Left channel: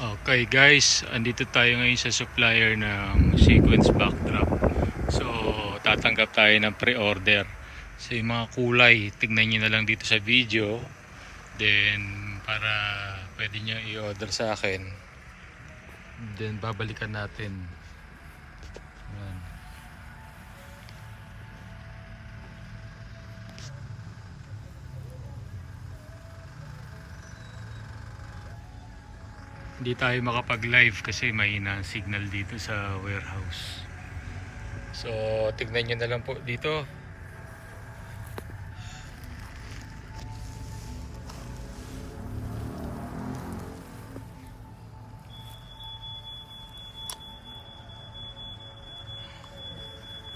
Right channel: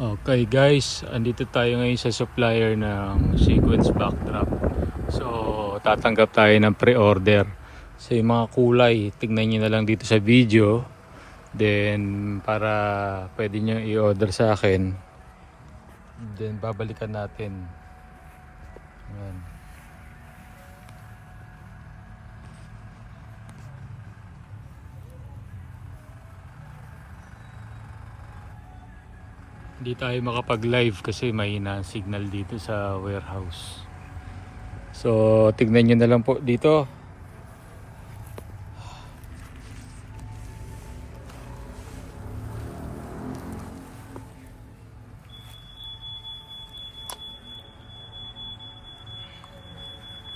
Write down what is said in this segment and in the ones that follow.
Okay guys, andito tayo ngayon sa supplier ng sequence backdrop. So tatanggap tayo ng pre-order. So yung mga kulay, tignan nyo na lang dito sa video. Then para pwede nyo i-order sa akin. Then babalikan natin. Ayan. Hindi tayo makapag-live kasi mahina ang signal dito sa warehouse. So tignan nyo na lang po dito.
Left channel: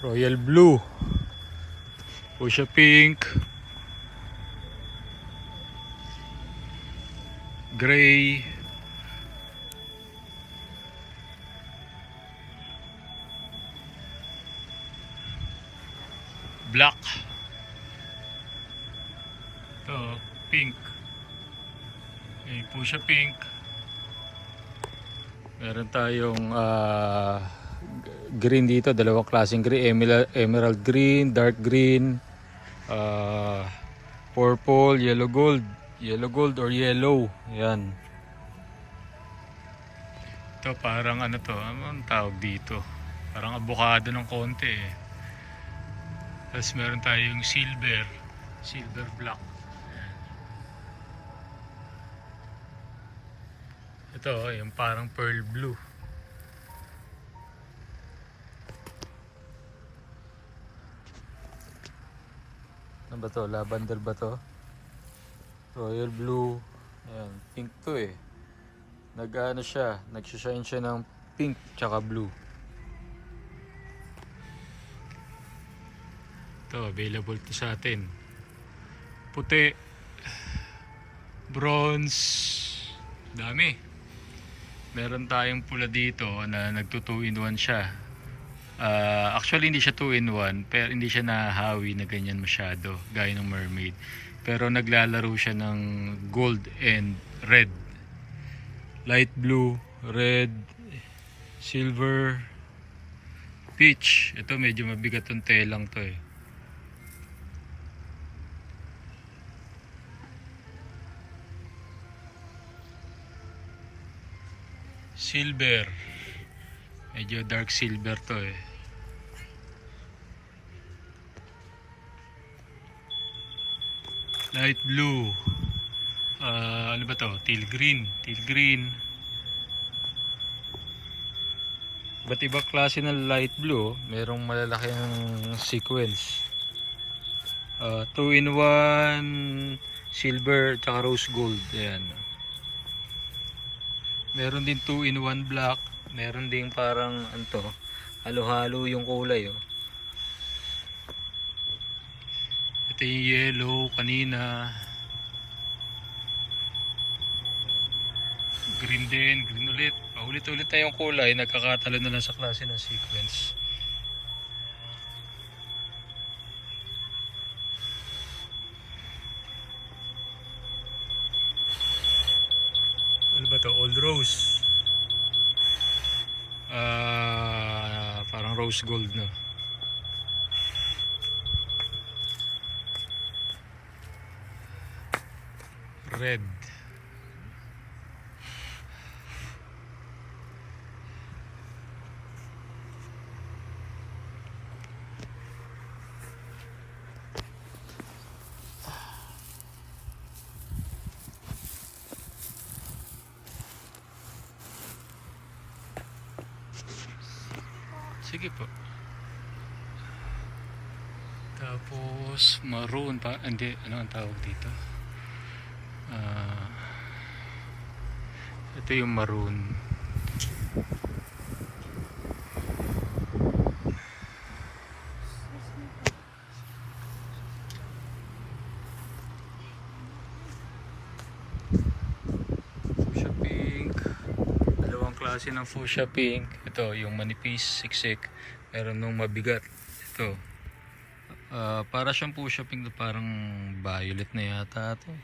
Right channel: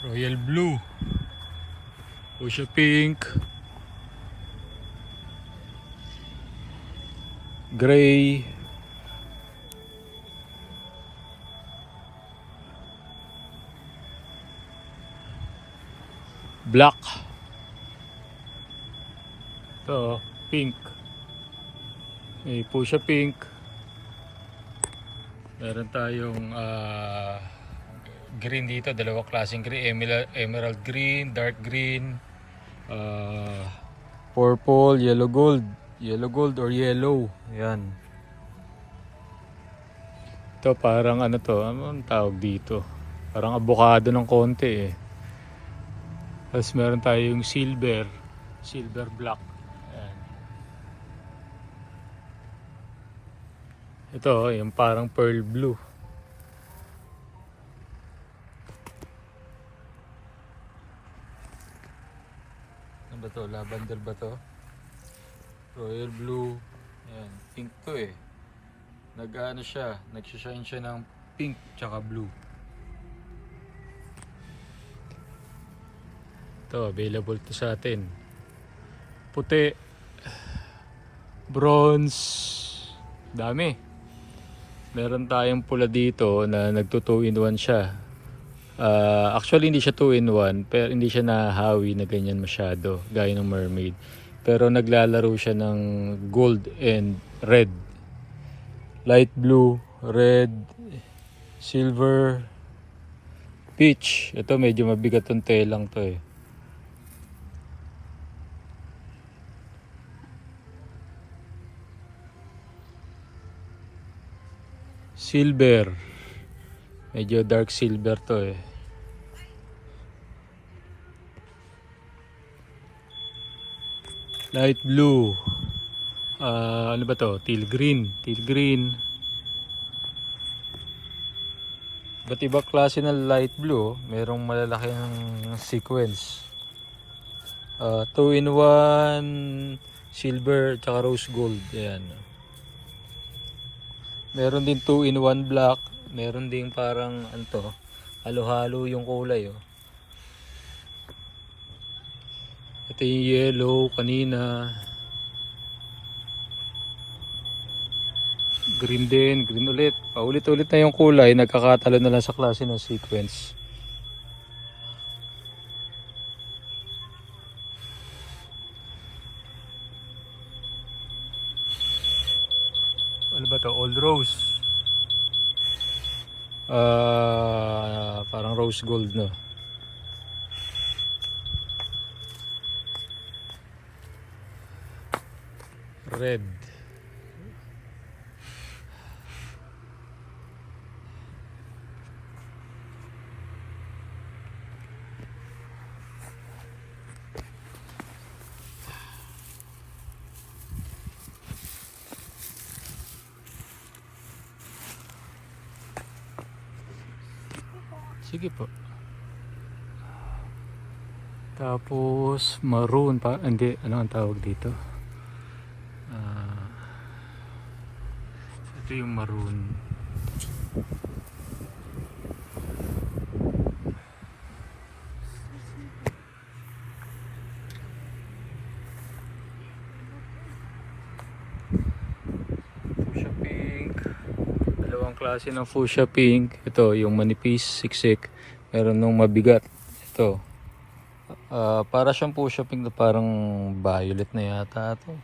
Royal Blue, Fuchsia Pink, Gray, Black, ito, Pink, Fuchsia Pink, meron tayong green dito, dalawang klaseng green, emerald green, dark green, purple, yellow gold or yellow. Yan, ito parang ano to, anong tawag dito, parang avocado ng konti eh. Tapos meron tayong silver black. Ayan. Ito yung parang pearl blue. Ano ba to? Lavender ba to? Royal blue. Ayan, pink to eh. Nag-ano siya, nagsishine siya ng pink tsaka blue. Ito, available to sa atin. Puti, bronze, dami. Meron tayong pula dito na nagto 2 in 1 siya. Actually hindi siya 2 in 1, pero hindi siya nahahawi na ganyan masyado gaya ng mermaid. Pero naglalaro siya ng gold and red, light blue, red, silver, peach. Ito medyo mabigat tong telang to eh. Silver, medyo dark silver to eh. Light blue, ano ba to? Teal green. Ba't iba klase ng light blue? Merong malalaki ng sequence. 2 in 1 silver tsaka rose gold. Ayan. Meron din 2 in 1 black. Meron din parang anto, halo-halo yung kulay oh. Ito yung yellow kanina. Green din, green ulit. Paulit-ulit na yung kulay, nagkakatalo na lang sa klase ng sequence. Ano ba to? Old rose. Parang rose gold no. Red. Sige po. Tapos maroon pa, hindi, ano ang tawag dito? Ito yung maroon. Fuchsia pink. Dalawang klase ng fuchsia pink. Ito yung manipis, siksik. Meron nung mabigat. Ito. Para siyang fuchsia pink na parang violet na yata ito.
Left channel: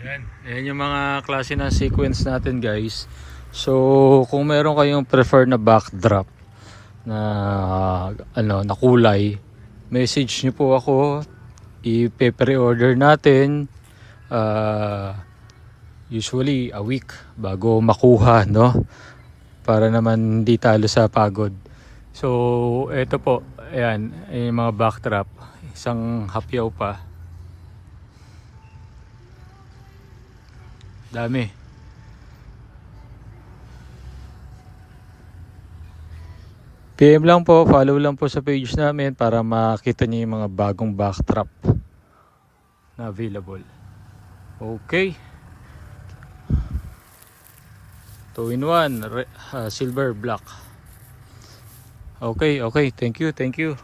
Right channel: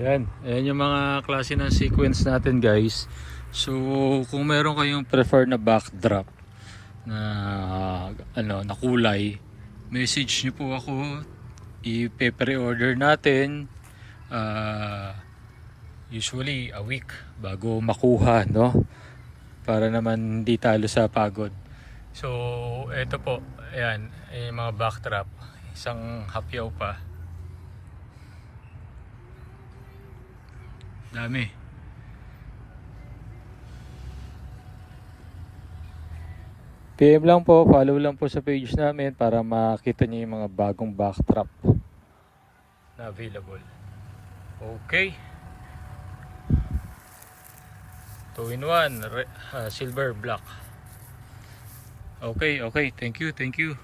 Ayan yung mga klase ng sequence natin guys. So kung meron kayong prefer na backdrop na na kulay, message nyo po ako, i-pre-order natin usually a week bago makuha, no, para naman hindi talo sa pagod. So eto po, ayan yung mga backdrop, isang hapyaw pa. Dami. PM lang po, follow lang po sa page namin para makita niyo yung mga bagong backdrop na available. Okay. 2-in-1 silver black. Okay, thank you.